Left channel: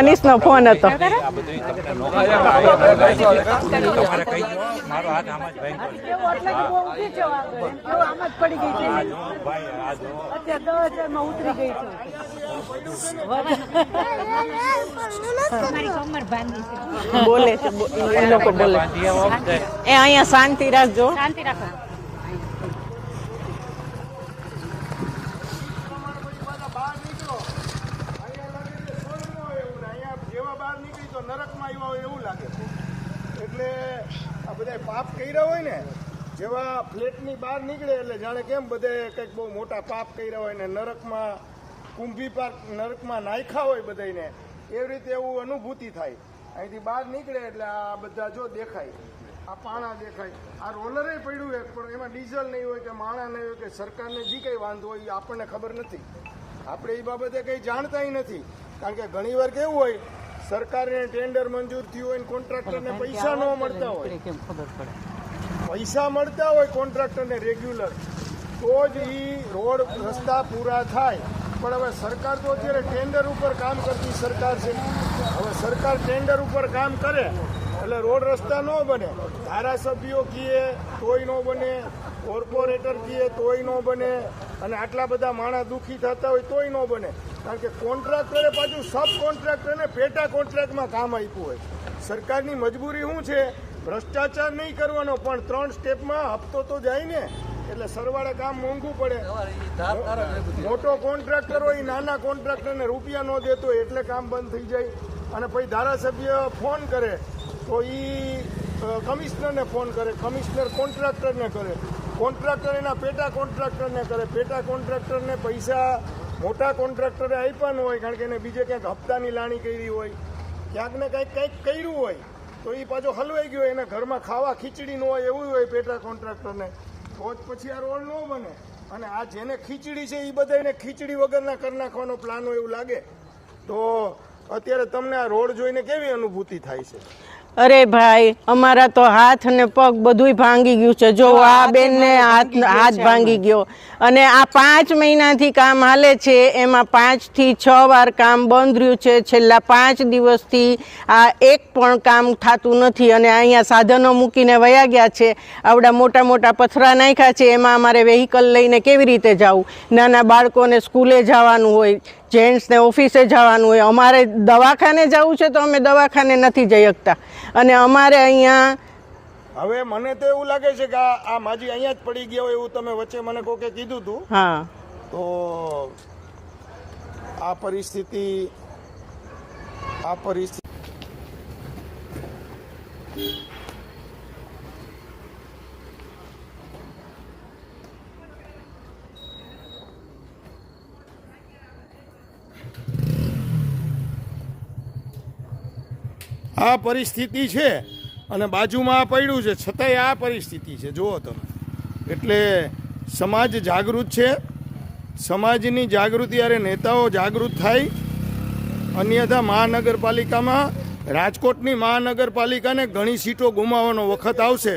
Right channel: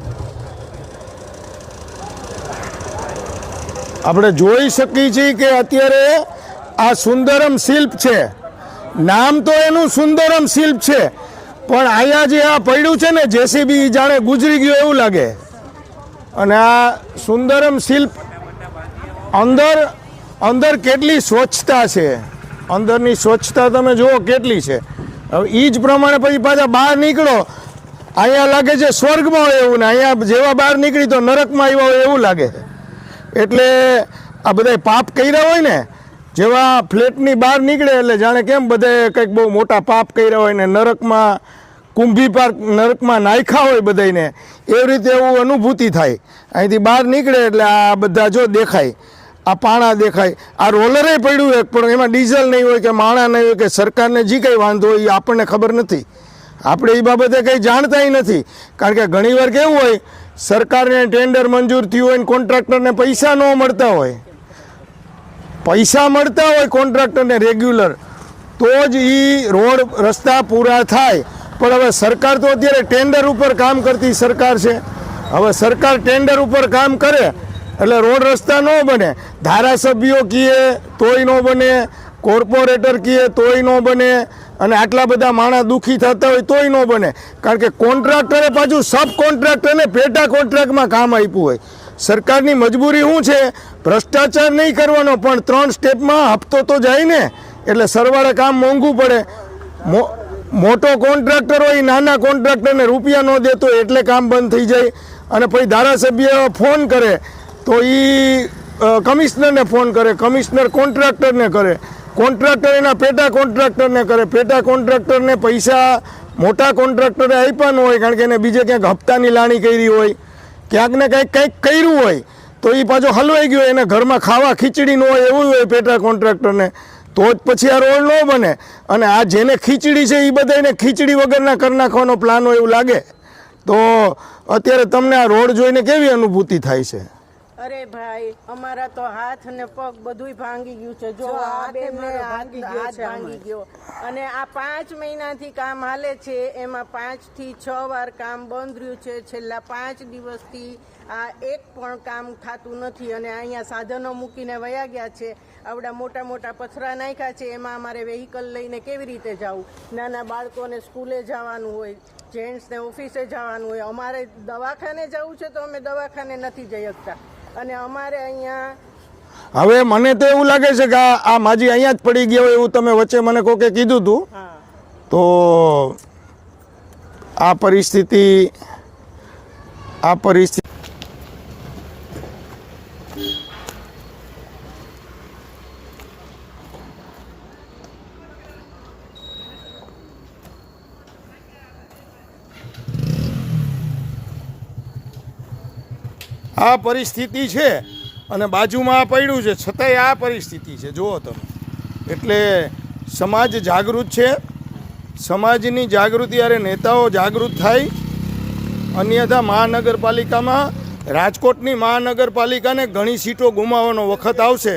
મનીષનો phone હતો. આપણે જોઈ શકીએ છીએ કે અત્યારે આ સુંદરમ શિલ્પ છે, નામ તો એનું સુંદરમ શિલ્પ છે, પણ અહીંયા જે આ પડ્યું છે ને જેસીબી જાણે ગુજરી ગયું એવું લાગે. અને આ સુંદરમ શિલ્પ અંદર કેટલી સ્વચ્છતા છે, અંદરની સ્વચ્છતા તમે જુઓ કેટલી છે. હવે એ જ પ્રમાણે પછી પાછા બહાર નીકળો, અહીંયા લાગે છે સ્વર્ગમાં હોય એવું, ને અહીંયા જેવા બહાર નીકળી તો નરકમાં આવ્યા હોય એવું લાગે છે. એટલે આ બધા પાપ કર્યા હોય ને, જેવા ફ્લેટની બહાર નીકળે એટલે જાણે કેમ બધાએ કંઈક બહુ મોટા પાપ કર્યા હોય ને નરકમાં કુંભી પાર્ક નરકમાં નાખ્યા હોય બધાને, એવી રીતે એવું અનુભૂતિ થાય. અહીંથી બહાર નીકળે એટલે આ બધા જો દેખાય, આ પાણા દેખાય, આ રોલરે પડ્યું એક, પણ એમાં ડીઝલ નહીં હોય કે માણા નહીં હોય કે સરકારને જે કંઈ વાંધો હોય એ આપણને ખબર નથી. આપણે એ બાબતે કંઈ જાણતા નથી, કારણ કે ઘણીવાર કેવું હોય સરકારને ટેન્ડર મંજૂર થયું હોય ને કોન્ટ્રાક્ટરને પૈસા ન મળતા હોય, પૈસા મળતા હોય કોન્ટ્રાક્ટરને રેગ્યુલર, તો જ એ રોડ રસ્તા પૂરા થાય. પણ હવે સરકાર તો અત્યારે ટેન્ડર ઉપર કામ કરતી સરકાર છે. હવે સરકાર ટેન્ડર ઉપર કામ કરે એટલે રોડ રસ્તા ન બને. ધારાસભ્યો કહે તોય ન બને, કોર્પોરેટર કહે તોય ન બને, અને આટલા બધા માણસ દુઃખી થતા હોય તોય ન બને. કારણ કે કોન્ટ્રાક્ટરે પાછું સબ કોન્ટ્રાક્ટરને પેટા કોન્ટ્રાક્ટમાં કામ આપ્યું હોય. સરકારની મજબૂરી શું છે? ભ્રષ્ટાચાર નહીં કરવાનો, પણ 3 સ્ટેપમાં હપ્તો તો જાય ને, એટલે સરવાળે કામ મોંઘું પડે. મોટો કોન્ટ્રાક્ટર હોય નાના કોન્ટ્રાક્ટરને રૂપિયા ન દેતો એટલે કામ બંધ થઈ જાય. અને પછી ધારાસભ્ય ફોન કરે તો એ કમિશનરને ફોન કરે, કમિશનર કોન્ટ્રાક્ટરને કરે, કોન્ટ્રાક્ટર એના પેટા કોન્ટ્રાક્ટરને કરે, પેટા કોન્ટ્રાક્ટરને પૈસા મોટા કોન્ટ્રાક્ટરે આપ્યા ન હોય, કારણ કે એને બીજે ક્યાંક હપ્તાની લાણી કરી હોય, ક્યાંક ને કંઈક કર્યું હોય, તો એ પાછો હલવાઈ ગયો, એને ઘરમાં ખાવા ખીચડી ન હોય એવું હોય પેટા કોન્ટ્રાક્ટરને, તો જ પછી આ રોડ ન બને. અને આ જેને ખીચડી છે એ બધાને ખીચડી વગરના કરી નાખવાનો પ્લાન હોય એવું લાગે. તો અત્યારે તમને આ રોડ જોઈને કેવી અનુભૂતિ થાય છે? અરે ભાઈ, અમારા તો હાથ ને પગ બધુંય ભાંગી ગયું છે. જો આ બેનને હાથ ભાંગી ગયો, અને આ 5 મહિનાથી કામ હાલે છે, એમાં 5 થી 6 વાર કામ બંધ રહ્યું છે. છેલ્લા 5 દિવસથી આ એક પણ કામ થતું નથી, અને અહીંયા સાધનો મૂકીને વયા ગયા છે. આવડા મોટા મોટા પથરા નાખ્યા છે, એમાં અમારે વેહિકલ લઈને કેવી રીતે જવું? નાના બાળકોને સ્કૂલે જવાનું હોય, જેન્ટ્સને ઓફિસે જવાનું હોય, અમારે દવાખાને જવું છે તો અમે દવાખાને નથી જઈ શકતા. અને અમારે અહીંયા હવે મને તો એવું લાગે છે કે આ માજી અહીંયા જ પડી ગયા હોય એવું તમે વચ્ચે મને કોકે કીધું હતું. હા, તો આ પરિસ્થિતિ આ પરિસ્થિતિ છે, અને બાજુમાં આ પડ્યું છે, છતાંય આ પરિસ્થિતિ છે, જુઓ તમે. એટલે સમાજ જાગૃત છે, સમાજની જાગૃતિ અરે નેતાઓ જાગૃત થાય. અન્યથા મહાનગરપાલિકામાં, રાજકોટની મહાનગરપાલિકાને ઘણી સીટો ગુમાવવાનો વખત આવશે,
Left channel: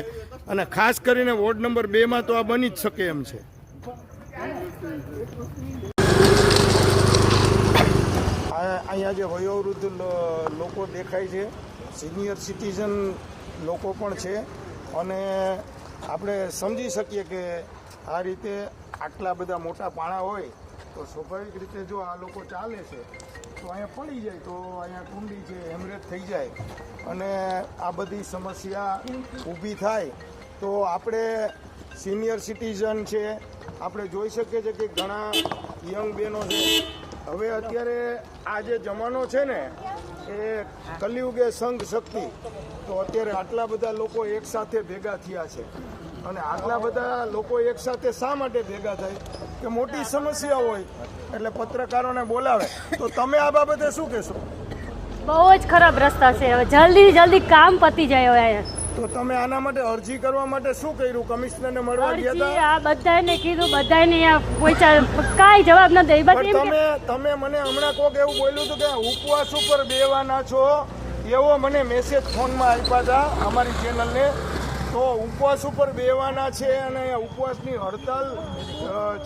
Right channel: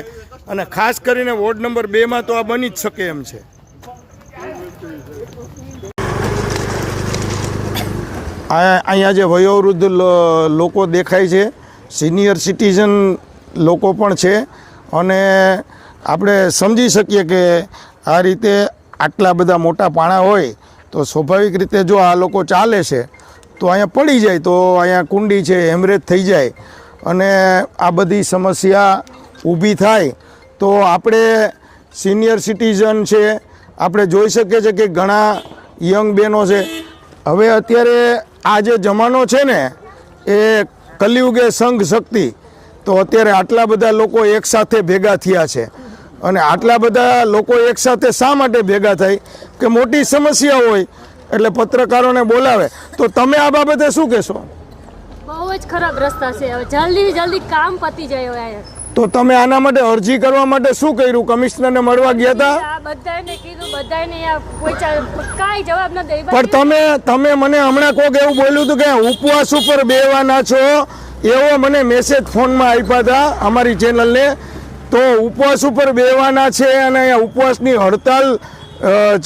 અને ખાસ કરીને વોર્ડ નંબર 2માં તો આ બની જ શકે એમ છે. અહીંયા જે વયોવૃદ્ધ લોકો દેખાય છે, સિનિયર સિટીઝન લોકો પણ છે, અને આપણે સમજી શકીએ કે આ રીતે આટલા બધા મોટા પાણા હોય તો સ્વાભાવિક રીતે જો આ લોકો ચાલે છે તો અહીંયા પડી જાય, તો અહીંયા કુંડી છે, હેમરેજ થઈ જાય, અને આ બધી સમસ્યા ઊભી થાય. તો આપણે સિનિયર સિટીઝન છે, આપણે જોઈ શકીએ છીએ કે ઘણા યંગ બહેનો છે. હવે અત્યારે આ જે જમાનો છે ને એ કલિયુગે સંઘ શક્તિ, તો અત્યારે આટલા બધા લોકો એકસાથે ભેગા થયા છે. અને આટલા બધા લોકો એકસાથે શા માટે ભેગા થાય? કે મોટી સમસ્યા હોય એટલે પત્રકારોને બોલાવે. તો તમે આ બાબતે શું કહેશો? બહુ જ ખરાબ રસ્તા છે, જલ્દી કામ પતી જાય. તો તમે આના માટે અરજી કરવા માટે શું કર્યું? કમિશનરને મળવા ગયા હતા? બધાને કીધું, બધાને કોઈ કાંઈ જવાબ ન દે. પણ તમે મને હમણાં કોક એવું બોલ્યું હતું કે ઉપવાસ ઉપર બેહવાના છો, એવો મને મેસેજ ફોનમાં આપ્યા હતા અમારી ચેનલને. તો ઉપવાસ ઉપર બેહવાના છે, અને ઉપવાસની હડતાલ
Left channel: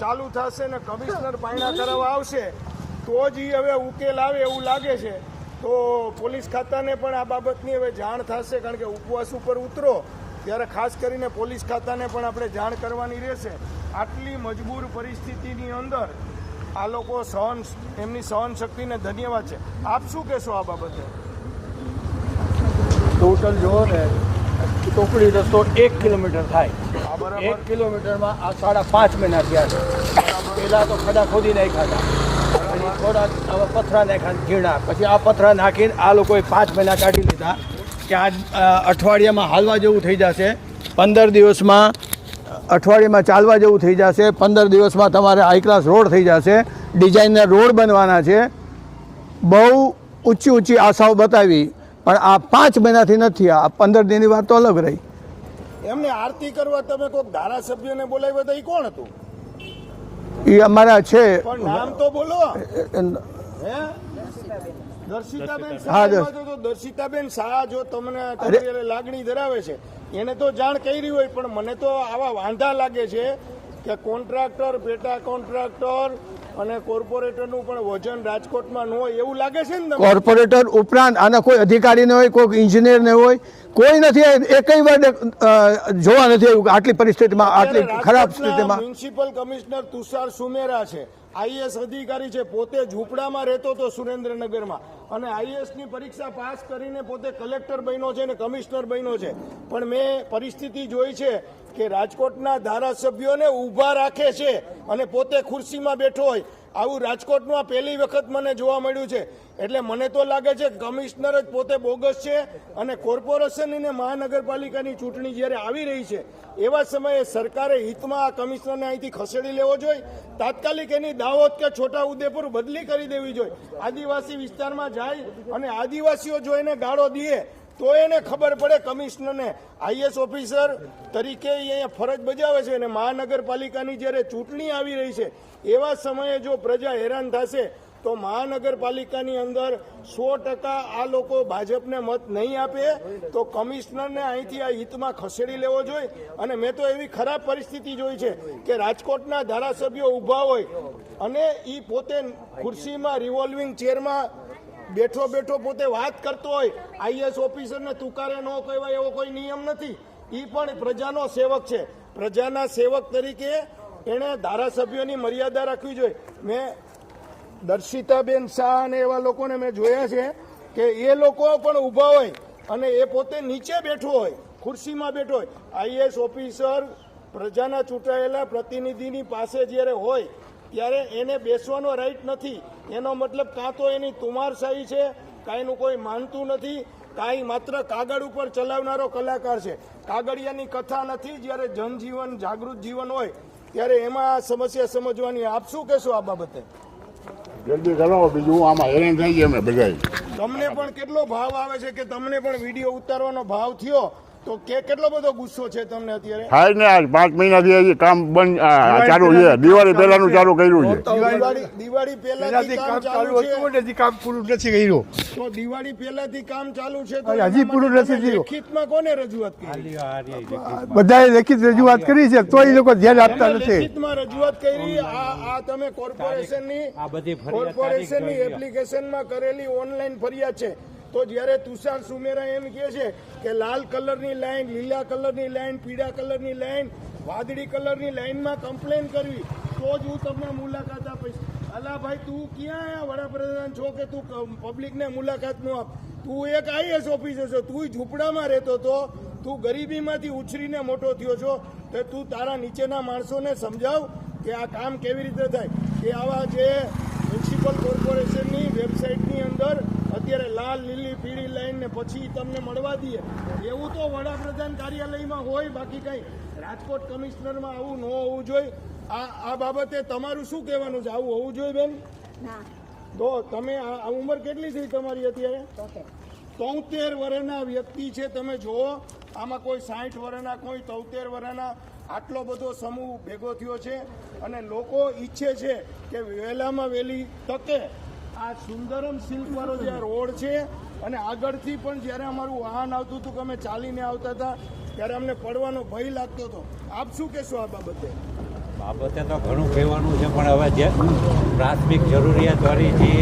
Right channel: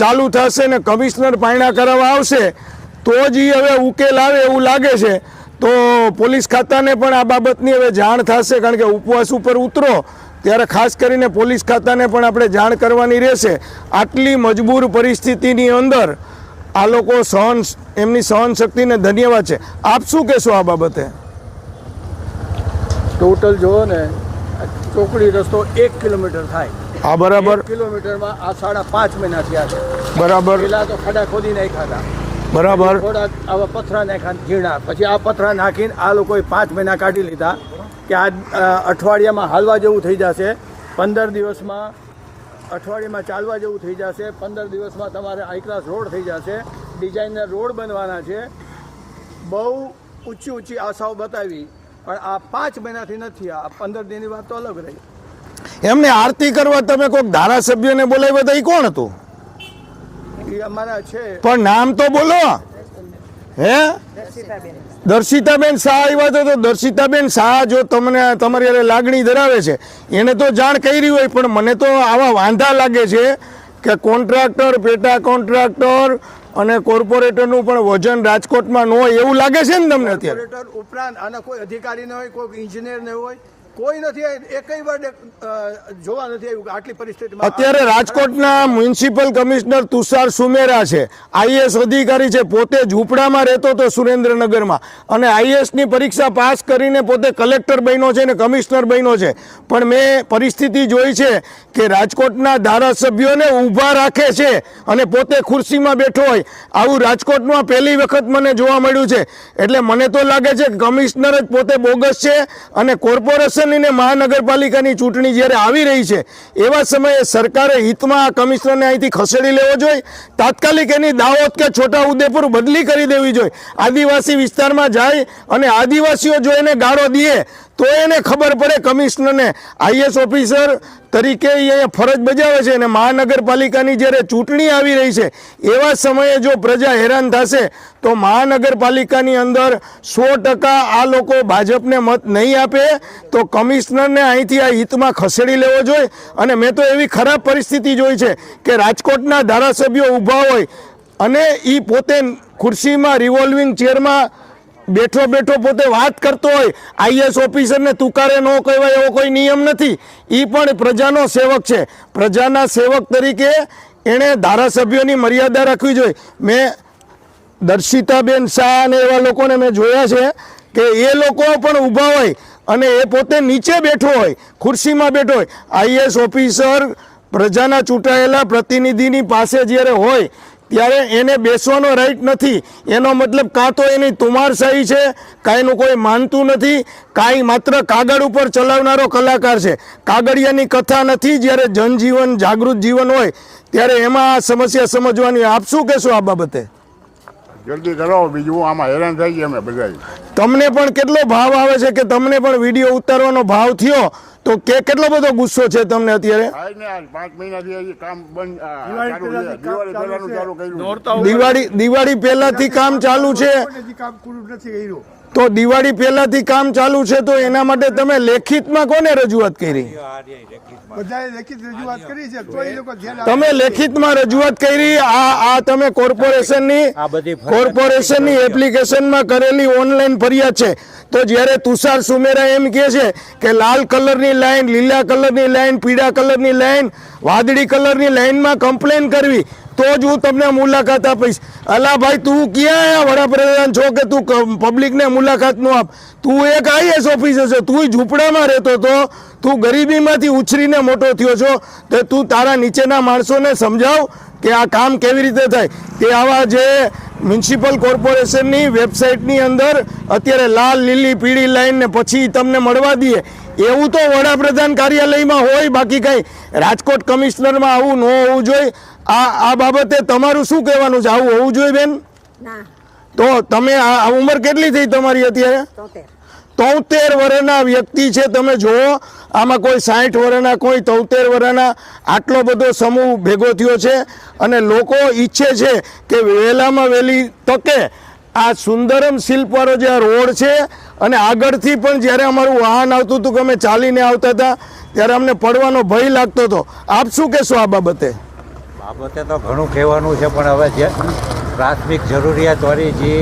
ચાલુ થશે ને કમિશનર પાયણા કરાવવા આવશે તો જ હવે ઉકેલ આવે એવું લાગે છે. તો પોલીસ ખાતાને પણ આ બાબતની હવે જાણ થશે, કારણ કે ઉપવાસ ઉપર ઉતરો ત્યારે ખાસ કરીને પોલીસ ખાતાને પણ આપણે જાણ કરવાની રહેશે. આટલી મજબૂર પરિસ્થિતિની અંદર આ લોકો એમની સહન શક્તિને ધન્યવાદ છે. આપ શું કહેશો આ બાબતે? ટોટલ જોવો ને કોકડી રસ્તો 1 કિલોમીટર થાય. આ બરાબર 1 કિલોમીટરમાં આ 5.5 મહિના થયા છે. બરાબર પેલા તો ખાડા ખોદી નાખ્યા હતા, બરાબર થોડા આવા પથરા નાખ્યા ઝીણા, પછી આ પથરા નાખીને આ લોકોએ 5 મહિના કાઢી લીધા કે આ અઠવાડિયામાં હાલવા જેવું થઈ જશે, 15 દિવસમાં અઠવાડિયામાં ચાલવા જેવું થઈ જશે, 15 દિવસમાં તમારે હાઈ ક્લાસ રોડ થઈ જશે, ડિઝાઇનના રોડ બનવાના છે. બહુ ઊંચી આશાઓ બતાવી, પણ આ 5 મહિનાથી નથી. આ 15 દિનની વાત તો અલગ રહી. એમને આરતી કરવા તમે કોઈક ધારાસભ્યને બોલાવ્યા હતા, એ કોણ હતું? એ અમારા છે, પણ નામ તો બોલો. હે, દર્શિતાબેન શાહ આવ્યા હતા. તો દર્શિતાબેન શાહ જો તમને તમારી હારે લાગણી ધરાવે છે, એને તો જાણ કરી હોય, પણ મને તો આવા વાંધા લાગે છે કે કોન્ટ્રાક્ટર, પેટા કોન્ટ્રાક્ટર અને કોર્પોરેટરનું પણ વજન રાજકોટમાં ન હોય એવું લાગે છે ને તમને? કોર્પોરેટર ઉપરાંત આના કોઈ અધિકારી ન હોય, કોઈ ઇન્જિનિયર ન હોય, કોઈ નથી. એકઈ વાર જોવા નથી આવ્યું આટલી પરિસ્થિતિમાં. અત્યારે રાજકોટના મ્યુનિસિપલ કમિશનર તુષાર સુમેરા છે, આઈએસ અધિકારી છે, પોતે ઝૂંપડામાં રહેતો હતો સુરેન્દ્રનગરમાં, અને આઈએસની પરીક્ષા પાસ કરીને પોતે કલેક્ટર બન્યો છે અને કમિશનર બન્યો છે. પણ મેં પરિસ્થિતિ જોઈ છે કે રાજકોટના ધારાસભ્યોને ઊભા રાખે છે અને પોતે ખુરશીમાં બેઠો હોય. આવું રાજકોટમાં પહેલી વખત મને જોવા મળ્યું છે. એટલે મને તો લાગે છે કે કમિશનર જ પોતે બોગસ છે, અને કોર્પોરેશન અને મહાનગરપાલિકાની ચૂંટણી જ્યારે આવી રહી છે એવા સમયે સરકારે હિતમાં આ કમિશનરને અહીંથી ખસેડી લેવો જોઈએ. તાત્કાલિક એની દાહોદ કે છોટા ઉદેપુર બદલી કરી દેવી જોઈએ. આદિવાસી વિસ્તારમાં જાય અને આદિવાસીઓ જો એને ગાળો દે તો એને ખબર પડે કમિશનરને આઈએસ ઓફિસર તરીકે અહીંયા ફરજ બજાવે છે, અને મહાનગરપાલિકાની જ્યારે ચૂંટણી આવી રહી છે એવા સમયે જો પ્રજા હેરાન થશે તો મહાનગરપાલિકાની અંદર 100% આ લોકો ભાજપને મત નહીં આપે, તો કમિશનરને અહીંથી આ હિતમાં ખસેડી લેવો જોઈએ. અને મેં તો એવી ખરાબ પરિસ્થિતિ જોઈ છે કે રાજકોટના ધારાસભ્યો ઊભા હોય અને એ પોતે ખુરશીમાં રિવોલ્વિંગ ચેરમાં બેઠો પોતે વાત કરતો હોય. આઈએસ ઓફિસરને તુકારે ન કહેવાય એવો કોઈ નિયમ નથી. એ પણ પ્રજાનો સેવક છે. પ્રજાના સેવક તરીકે એણે ધારાસભ્યોની મર્યાદા રાખવી જોઈએ. મેં દર્શિતાબેન શાહ અને એવા લોકોને મેં જોયા છે કે એ લોકો પણ ઊભા હોય અને એ પોતે નીચે બેઠો હોય, ખુરશીમાં બેઠો હોય. આઈએસ ઓફિસર પ્રજાના ચૂંટાયેલા પ્રતિનિધિની પાસે જ્યારે હોય ત્યારે એને બેસવાનો રાઈટ નથી. એનો મતલબ કાં તો એની તુમારશાહી છે, કાંઈ એનું કોઈ માનતું નથી, કાંઈ માત્ર કાગળ ઉપર ચલાવનારો કલાકાર છે. કાગળિયાની કથા નથી. જ્યારે જનજીવન જાગૃત જીવન હોય ત્યારે એમાં આ સમસ્યા સમજવાની. આપ શું કહેશો આ બાબતે? જલ્દી કરો, બીજું આમાં હેરાન થઈ ગયા અમે બધા. તમને પણ કેટલો ભાવ આવે છે કે તમને પણ વિડીયો ઉતારવાનો ભાવ થયો તો કેટલો બધો ગુસ્સો છે તમને અત્યારે? થાય ને આજ 5 મહિનાથી હજી કામ બંધ ચાલુ છે. દિવાળી પહેલાનું ચાલુ કર્યું છે. દિવાળી પહેલાથી કામ ચાલુ છે, કામ પૂરું નથી કર્યું. તો દિવાળી પહેલાથી કામ ચાલુ છે તો એના માટે તમે લેખિતમાં કોને રજૂઆત કરી? બધાએ લેખિત રજૂઆત કરી છે, તો એ લોકો ધ્યાન આપતા તમે નથી. લેખિતમાં રજૂઆત કરી. આ તમે કોર્પોરેશનની એપ્લિકેશનમાં કરેલી ઓનલાઈન ફરિયાદ છે. તો જ્યારે તુષાર સુમેરા એમ કહે છે કે લાલ કલરની લાઈન, લીલા કલરની લાઈન, પીળા કલરની લાઈન, વાદળી કલરની લાઈનમાં કમ્પ્લેન કરવી તો જ હું તમને મુલાકાત આપીશ. અલા ભાઈ, તું ક્યાં વડાપ્રધાન છો કે તું પબ્લિકને મુલાકાત નો આપ? તું એક આઈએસ ઓફિસર છો, તું ઝૂંપડામાં રહેતો હતો, તું ગરીબીમાંથી ઉછરીને મોટો થયો છો, તો તું તારા નીચેના માણસોને સમજાવ કે આ કામ કેવી રીતે થાય. તે આવા જે મ્યુનિસિપલ કોર્પોરેશનની વેબસાઇટની અંદર અત્યારે લાલ, લીલી, પીળી લાઈન ને પછી તમને મળવા દઈએ એવું તો વડાપ્રધાન કાર્યાલયમાં હોય, બાકી કંઈ રાજકોટ કમિશનરમાં આવું ન હોવું જોઈએ. આ બાબતે તમારું શું કહેવાનું છે? આવું હોવું જોઈએ બેન? તો તમે આ ઉંમર કેટલી થઈ તમારી અત્યારે? 73 વર્ષના વ્યક્તિ છે. તમે જુઓ, આમાં કોઈ 60 વર્ષના, કોઈ 73 વર્ષના, આટલો બધો સમૂહ ભેગો થયો છે અને લોકો ઈચ્છે છે કે વહેલામાં વહેલી તકે આ સુંદરમ શિલ્પવાળો જે આ રોડ છે, અને આગળથી પણ જ્યારે અમારું વાહન આવતું હતું કે અમે ચાલીને આવતા હતા ત્યારે અમને પડવાનો ભય લાગતો હતો. આપ શું કહેશો આ બાબતે? બાબતે તો ઘણું કહેવાનું છે, પણ હવે જે પ્રાથમિક જરૂરિયાતવાળી જે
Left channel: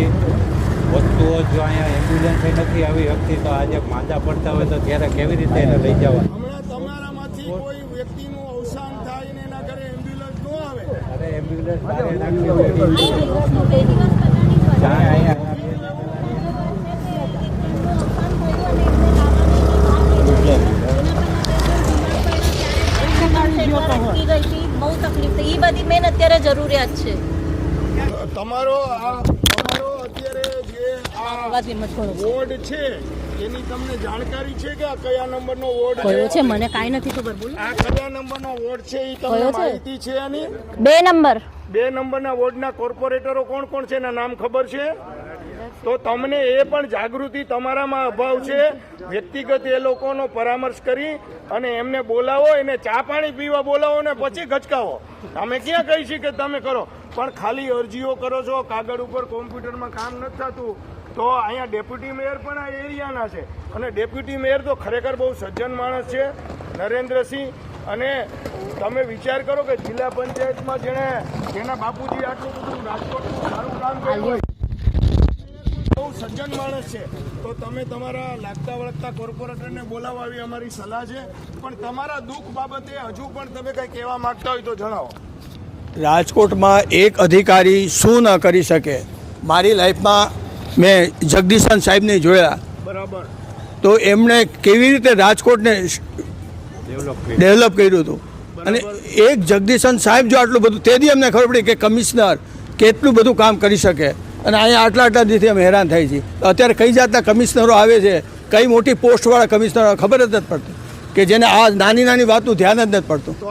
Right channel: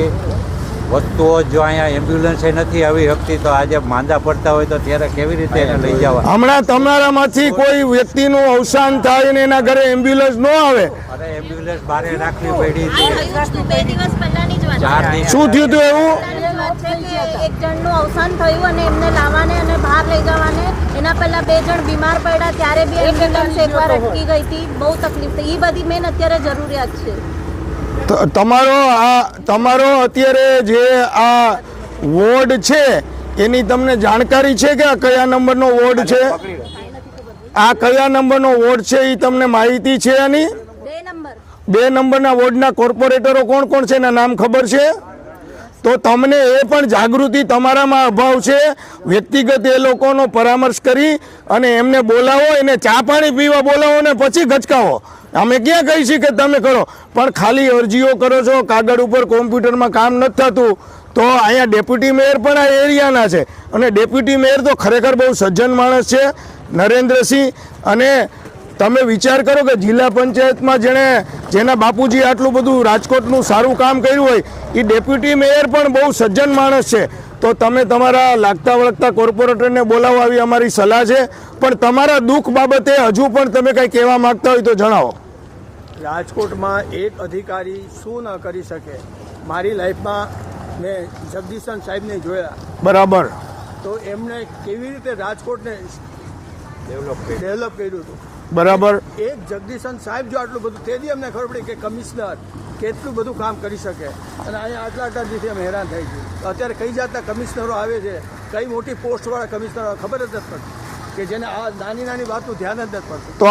વસ્તુઓ જો અહીંયા એમ્બ્યુલન્સ નથી આવી શકતી તો આજે માંદા પડતા હોય તો ત્યારે કેવી રીતે એને લઈ જવા? હમણાં તમારામાંથી કોઈ વ્યક્તિનું અવસાન થાય ને એના ઘરે એમ્બ્યુલન્સ ન આવે, અરે એમ્બ્યુલન્સ બહાર રાખવી પડી છે. 2 દિવસ પહેલાની જ વાત છે. 4 દિવસ શું થયું હતું એવું? વાત છે કે એક જણનું અવસાન થયું અને એમને લાવવાને અને બહાર લઈ જવાને એના પહેલા 2 જણ બીમાર પડ્યા ત્યારે બી એમ્બ્યુલન્સ એકવાર અટકી ગઈ હતી. બહુ તકલીફ થઈ. એ બધી મેન અત્યારે જરૂરિયાત છે. તમારો અત્યારે જે આ વોર્ડ છે એની તમને જાણકારી છે કે આ કયા નંબરનો વોર્ડ છે? મને કાંઈ નથી ખબર. આ કયા નંબરનો વોર્ડ છે એ તમને માહિતી છે આની? 2 નંબર. 2 નંબરના વોર્ડના કોર્પોરેટરો કોણ કોણ છે એના નામ ખબર છે? તો તમને એ પણ જાગૃતિ તમારામાં અભાવ છે. વ્યક્તિગત એ લોકોનો પરામર્શ કરી અને એમને બોલાવો, એને ચા પાણી પીવા બોલાવો ને પછી ગચકાવો. અમે ક્યાં કહી છીએ કે તમે કરો, પણ ખાલી અરજીઓ કરો છો, કાગળ ઉપર કોમ્પ્યુટરમાં કામ નથી થતું. તો અહીંયા ડેપ્યુટી મેયર પણ આ એરિયાના છે અને ડેપ્યુટી મેયર તો ખરેખર બહુ સજ્જન માણસ છે, નરેન્દ્રસિંહ. અને તમે વિચાર કરો કે જિલ્લા પંચાયતમાં જેના બાપુજી આટલું બધું રાજકોટનું સારું કામ કર્યું હોય એ ડેપ્યુટી મેયર પણ બહુ સજ્જન માણસ છે. તો તમે તમારા લાગતા વળગતા કોર્પોરેટરને બોલાવો, આવી અમારી સલાહ છે. પણ તમારા દુઃખ બાબતે હજુ પણ તમે કંઈ કહેવા માંગતા હોય તો જણાવો. રાજકોટમાં એક અધિકારી શું ન કરી શકે. મારી લાઈફમાં મેં જગદીશન સાહેબને જોયા, બરાબર. તો એમણે કેવી રીતે રાજકોટને ડેવલપ કર્યું હતું. બરાબર. અને એક જગદીશન સાહેબ જો આટલું બધું, તેથી અમને ખબર પડી કે કમિશનર કેટલું બધું કામ કરી શકે. અને અહીંયા આટલા દીથી અમે હેરાન થઈ છીએ. અત્યારે કઈ જાતના કમિશનરો આવે છે, કઈ મોટી પોસ્ટવાળા કમિશનરો, ખબર જ નથી પડતી કે જેને આ નાની નાની વાતનું ધ્યાન જ નથી પડતું. તો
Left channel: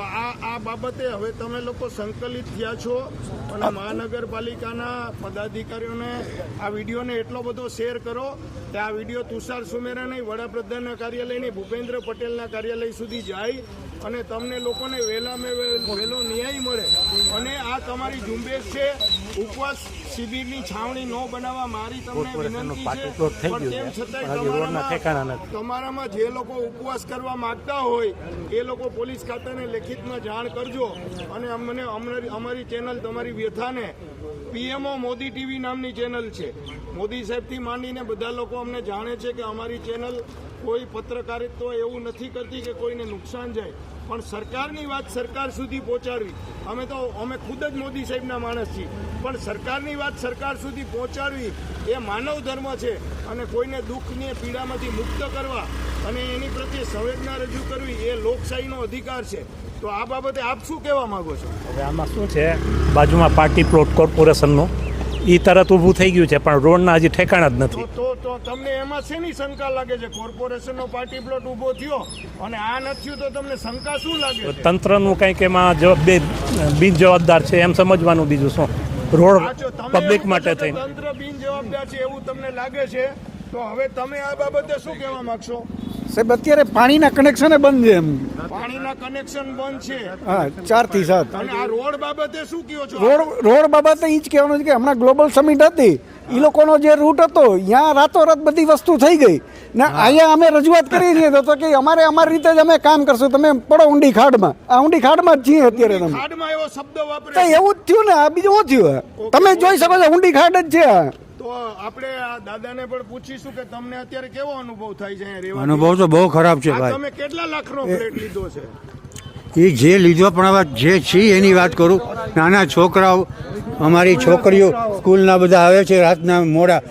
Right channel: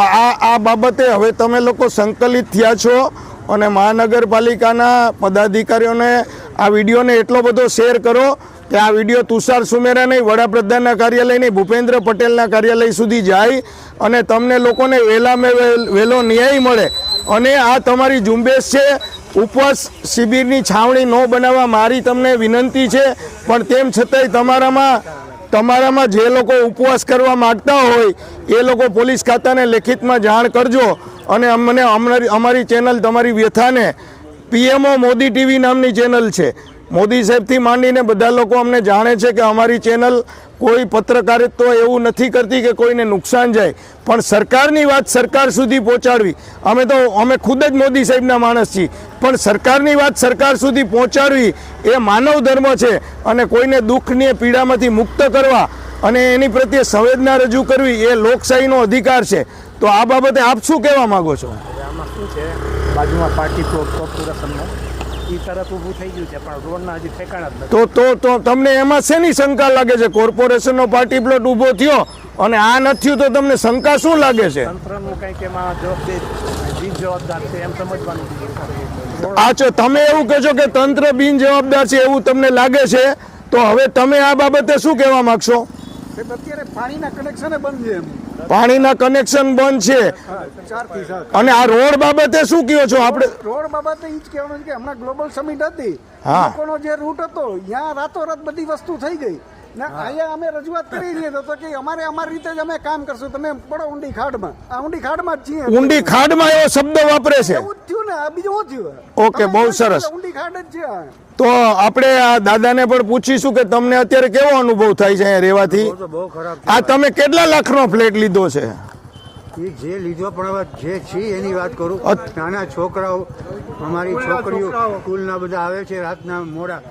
આ બાબતે હવે તમે લોકો સંકલિત થયા છો અને મહાનગરપાલિકાના પદાધિકારીઓને આ વિડીયોને એટલો બધો શેર કરો કે આ વિડીયો તુષાર સુમેરા નહીં, વડાપ્રધાનના કાર્યાલય નહીં, ભૂપેન્દ્ર પટેલના કાર્યાલય સુધી જાય અને તમને લોકોને વહેલો ન્યાય મળે. અને આ તમારી ઝુંબેશ છે. ઉપવાસ શિબિરની છાવણી ન બનાવવા મારી તમને વિનંતી છે. પણ તેમ છતાંય તમારામાં જે લોકો ઉપવાસ કરવા માગતા હોય એ લોકો પોલીસ ખાતાને લેખિતમાં જાણ કરજો. અને અમને અમારી ચેનલ તમારી વ્યથાને પીએમઓ મોદી ટીવી નામની ચેનલ છે. મોદી સાહેબથી માંડીને બધા લોકો અમને જાણે છે કે અમારી ચેનલ કોઈ પત્રકારિત્વ એવું નથી કરતી કે કોઈને નુકસાન જાય, પણ સરકારની વાત સરકાર સુધી પહોંચાડવી. અમે ખુદ જ મોદી સાહેબના માણસ છીએ, પણ સરકારની વાત સરકાર સુધી પહોંચાડવી એ માનવ ધર્મ છે. અને કોઈને દુઃખની પીડામાંથી મુક્ત કરવા અને એની પ્રત્યે સંવેદના રજૂ કરવી એ લોકશાહીનો અધિકાર છે. તો આ બાબતે આપ શું કહેવા માંગો છો? આમાં શું છે, બાજુમાં પાર્ટી પ્લોટ કોર્પોરેશનનું એ તરત ઊભું થઈ ગયું છે, પણ રોડના હજી ઠેકાણા જ નથી. તો તમને એમાં શેની શંકા લાગે છે? કોર્પોરેશનનો પાર્ટી પ્લોટ ઊભો થયો અને આ નથી થયું તો તમને શંકા શું લાગે છે? તંત્રનું કંઈક એમાં બિનજવાબદાર છે એમ સમજવાનું, બીજું શું? રોડ અચ્છા, તમે એવું કહો છો કે તંત્ર બિનજવાબદાર છે એવું તમને લાગે છે. તો હવે તમે આ બાબતે શું કહેવા માંગશો? સાહેબ અત્યારે પાણીના કનેક્શન બંધ છે. પાણીના કનેક્શન બંધ છે. 4 થી 7. અને આ રોડ બાબતે શું કહો છો? રોડ બાબતે એ જ કહેવાનું છે કે હમણાં ગ્લોબલ સમિટ હતી, એ લોકોનો જે રૂટ હતો ત્યાં રાતોરાત બધી વસ્તુ થઈ ગઈ ને અહીંયા અમે રજૂઆત કરી છીએ તો કે અમારી રીતે જ અમે કામ કરશું, તમે પડો ઊંડી ખાડમાં. આ ઊંડી ખાડમાં જ છીએ. ઊંડી ખાડમાં એવો શબ્દ વાપરે છે. એવું જ થયું ને, આ બીજું શું થયું? ઓકે, તમે બહુ જોઈ શકો સરસ. છો ઊંડી ખાડ જ છે. તો આપણે આ દાદાને પણ પૂછીશું કે તમને અત્યારે કેવો અનુભવ થાય છે અહીંયા રહેવાથી? અનુભવ તો બહુ ખરાબ છે. આ તમે કેટલા લાખનો ફ્લેટ લીધો છે? એ જે લીધો પણ હવે જે છે એની વાત કરું. નાના છોકરાઓ, અમારી છોકરીઓ સ્કૂલના બધા આવે છે રાતના મોડા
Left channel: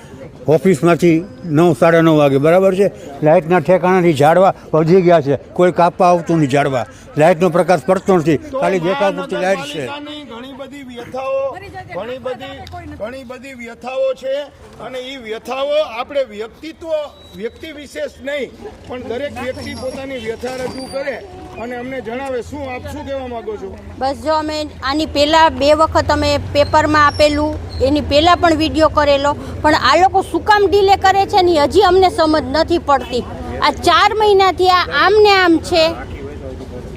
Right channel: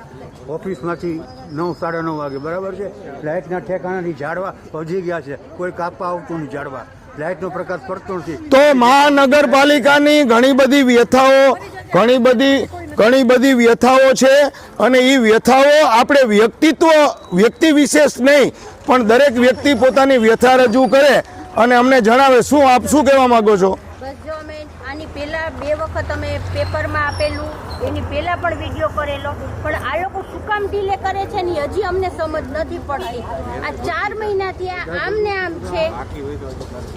ઓફિસમાંથી 9, 9:30 વાગે, બરાબર છે. લાઇટના ઠેકાણાથી ઝાડવા વધી ગયા છે, કોઈ કાપવા આવતું નહીં. ઝાડવા લાઇટનો પ્રકાશ પડતો નથી. તો મહાનગરપાલિકાની ઘણી બધી વ્યથાઓ ઘણી બધી વ્યથાઓ છે અને એ વ્યથાઓ આપણે વ્યક્તિ વિશેષ નહીં પણ દરેક વ્યક્તિ પોતાની વ્યથા રજૂ કરે અને અમને જણાવે. શું આપ શું કહેવા માંગો છો? બસ જો અમે આની પહેલા 2 વખત અમે પેપરમાં આપેલું, એની પહેલા પણ વિડીયો કરેલો, પણ આ લોકો શું કામ ડીલે કરે છે ને હજી અમને સમજ નથી પડતી. આ 4 મહિનાથી આમ ને આમ છે.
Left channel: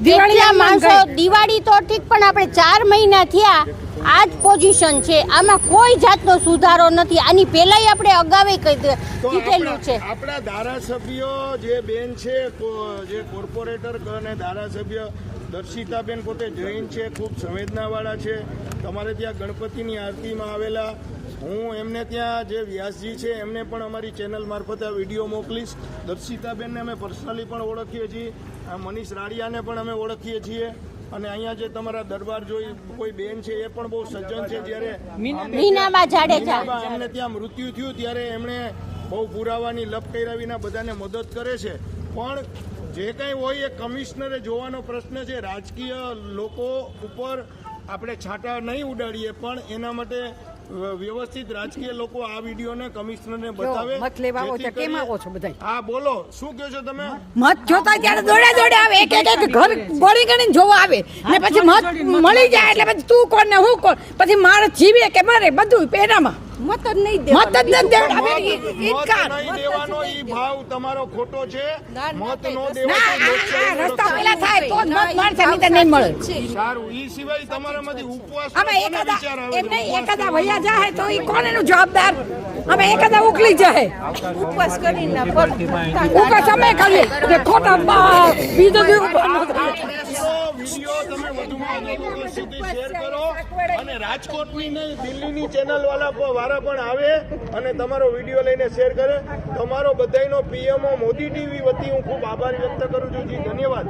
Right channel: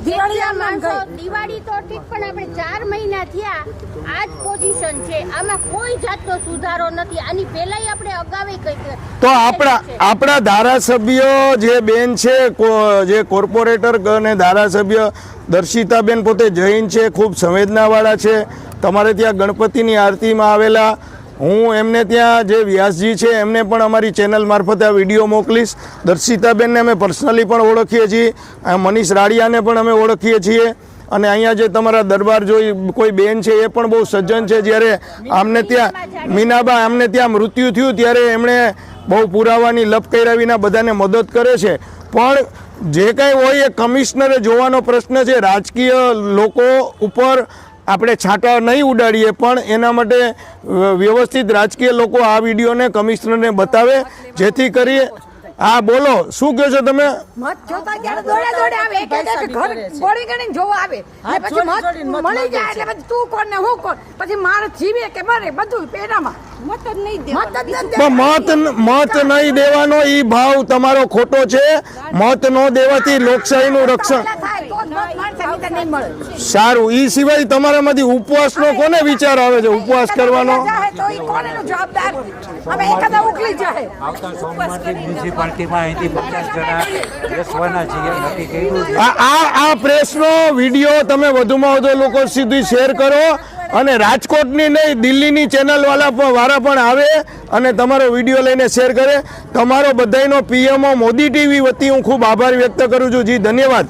કેટલા માણસો, દિવાળી તો ઠીક, પણ આપણે 4 મહિના થયા આ જ પોઝિશન છે. આમાં કોઈ જાતનો સુધારો નથી. આની પહેલાય આપણે અગાવે કહી તો આપણા ધારાસભ્ય જે બેન છે, જે કોર્પોરેટર અને ધારાસભ્ય દર્શિતાબેન પોતે જૈન છે, ખૂબ સંવેદનાવાળા છે. તમારે ત્યાં ગણપતિની આરતીમાં આવેલા હું એમને ત્યાં જે વ્યાસજી છે એમને પણ અમારી ચેનલ મારફતે આ વિડીયો મોકલીશ. દર્શિતાબેનને અમે પર્સનલી પણ ઓળખીએ છીએ, મનીષ રાડિયાને પણ અમે ઓળખીએ છીએ, અને અહીંયા જે તમારા દરબાર જોઈ કોઈ બેન છે એ પણ બહુ સજ્જન છે. જ્યારે આમને ત્યાં મીનાબા આમને ત્યાં મૃત્યુ થયું ત્યારે એમણે બહુ પુરાવાની લપ કર્યા વિના બધાને મદદ કરે છે. પણ જે કાંઈ હોય એ કમિશનરે જોવાનો પ્રશ્ન છે. રાજકીય લોકો ઉપર આપણે છાંટા નહીં ઉડાડીએ, પણ એના માટે વ્યવસ્થિત રાજકીય લોકો આ વિડીયોને કમિશનરને બતાવે, જેથી કરી. હા બોલો, શું કહો છો તમે? મત જોતા ત્યારે દોડે આવે, એક ઘર ગોળી ગણીને જોવા આવે, ને પછી મત મળી જાય એટલે પછી તું કોણ ને હું કોણ, પછી માણસ જીવે કે મરે બધું પેડામાં. મત નહીં દેવાનો ઈ ભાવ તમારો ખોટો છે. મત ન દેવાથી લોકશાહીનું રક્ષણ. સારું, ઈ સિવાય તમારામાંથી ઉપવાસનો કોને વિચાર આવે છે? ઉપવાસ કરવાનો તો ઈ કોણ એનું જવાબદાર? હવે એકાદા ઉકલી જાય આ પ્રેસનો વિડીયો તમે વધુમાં વધુ લોકો સુધી શેર કરો, અને રાજકોટની નહીં દિલ્હીની ચેનલ વાળા પણ આવે અને તમારો વિડીયો લઈને શેર કરે. તમારો બધાનો પીએમઓ મોદી ટીવી વતી હું ખૂબ આભાર વ્યક્ત કરું છું. જી ધન્યવાદ.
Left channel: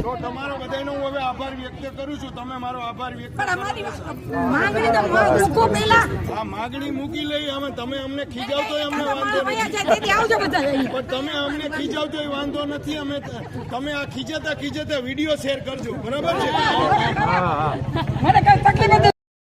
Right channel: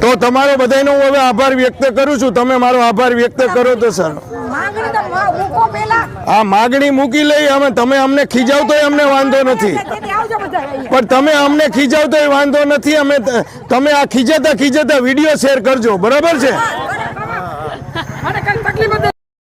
તો તમારો બધાનો હું હવે આભાર વ્યક્ત કરું છું. તમે મારો આભાર વ્યક્ત કરો તો સર. આ માગણી મૂકી લઈ. અમે તમે અમને ખીજાવતો અમને વાંધો નથી, પણ તમે અમને ખીજાવતો વાંધો નથી. અમે તમે આ ખીજાતા વિડીયો શેર કરજો, બરાબર છે? મને કઈ તકલીફ